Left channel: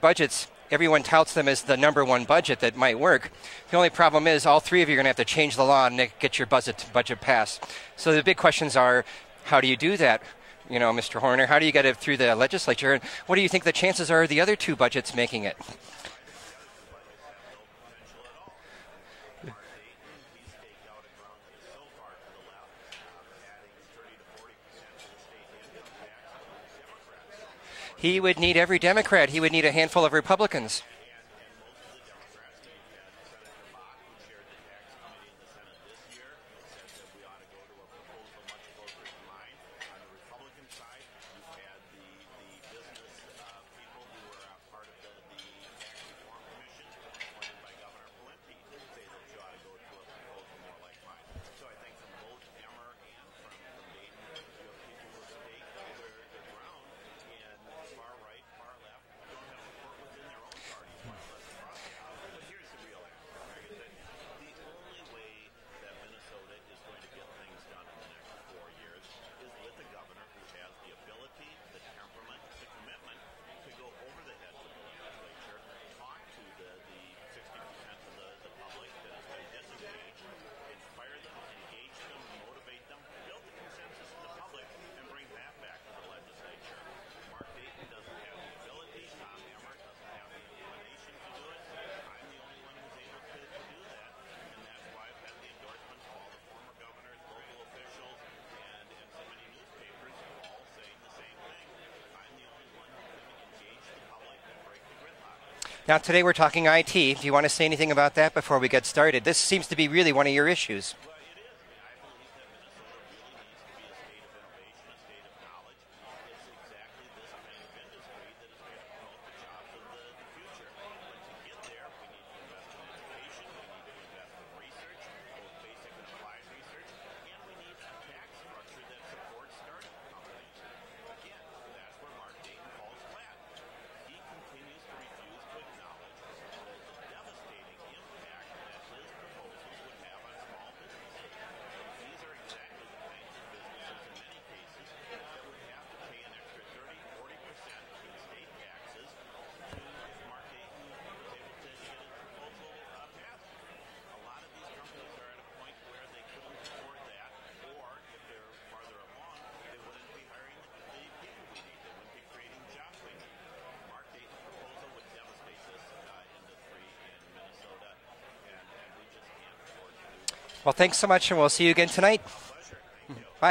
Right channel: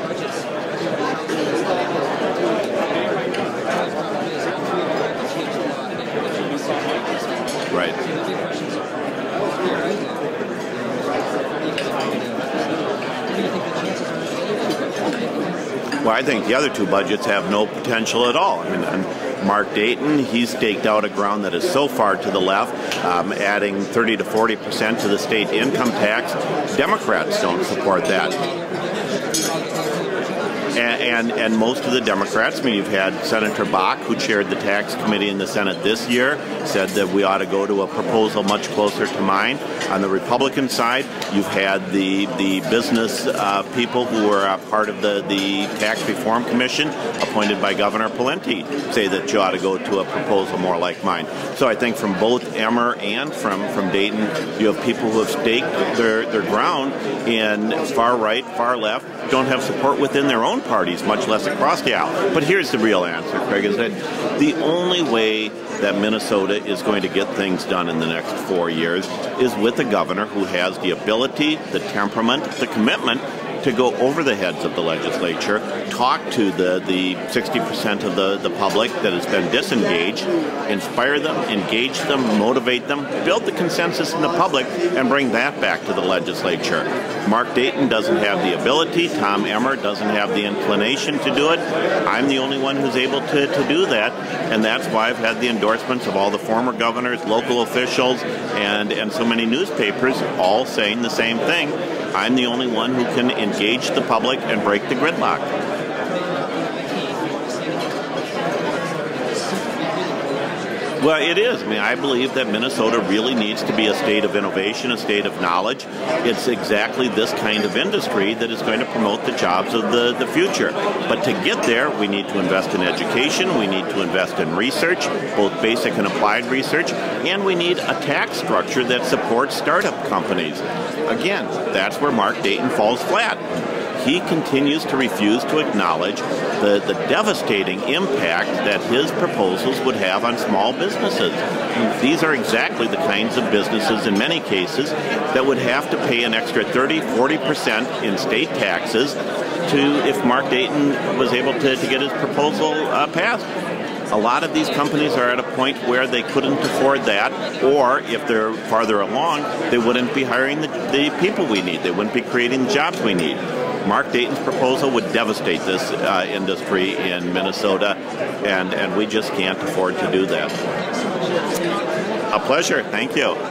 Budgets, everyone touts them as the #1 budget that might work. The only problem is all three of you are going to have to change the law to get your budget passed. Right. So the big questions are, how do you do that? You know, Mr. Horner, how do you get it through the legislature? What do you think the chances are of the other two budgets making it? Well, I think the other two budgets have no potential at all. I mean, and Mark Dayton, he's staked out a ground that is so far to the left, adding 30 to 40% to the state income tax. Democrats don't support that. He would need every Democrat. He would need a handful of Republicans. And most of the Democrats, I mean, you've had Senator Bach, who chaired the tax committee in the Senate this year, said that we ought to go to a proposal much closer to mine. On the Republican side, you've had the business people who were part of the Tax Reform Commission, appointed by Governor Pawlenty, say that you ought to go to a proposal more like mine. So I think from both Emmer and from Dayton, you have people who have staked their ground in far right, far left, don't have support within their own parties, much less across the aisle. But here's the real answer, Craig, is that the only way that Minnesota is going to get things done in the next 4 years is with a governor who has the ability, the temperament, the commitment to go over the heads of the legislature, talk to the 60% of the public that has been disengaged, inspire them, engage them, motivate them, build the consensus in the public, and bring that back to the legislature. Mark Dayton doesn't have the ability. Tom Emmer doesn't have the inclination to do it. I'm the only one who's able to do that, and that's why I've had the endorsements of all the former governors, local officials, and so many newspapers all saying the same thing. I'm the only one who can engage the public and break the gridlock. Now, today we're talking IT. Do you want to say anything about that before we get started? This seems to be really one of your issues. Well, it is. I mean, I believe that Minnesota really needs to be a state of innovation, a state of knowledge. It's exactly this kind of industry that is going to promote the jobs of the future. But to get there, we need to invest in education, we need to invest in research, both basic and applied research, and we need a tax structure that supports startup companies. Again, that's where Mark Dayton falls flat. He continues to refuse to acknowledge the devastating impact that his proposals would have on small businesses. These are exactly the kinds of businesses, in many cases, that would have to pay an extra 30–40% in state taxes if Mark Dayton was able to get his proposal passed. A lot of these companies are at a point where they couldn't afford that, or if they're farther along, they wouldn't be hiring the people we need. They wouldn't be creating the jobs we need. Mark Dayton's proposal would devastate this industry in Minnesota, and we just can't afford to do that. Well, thanks so much. We'll see you again tonight. A pleasure. Thank you. Bye.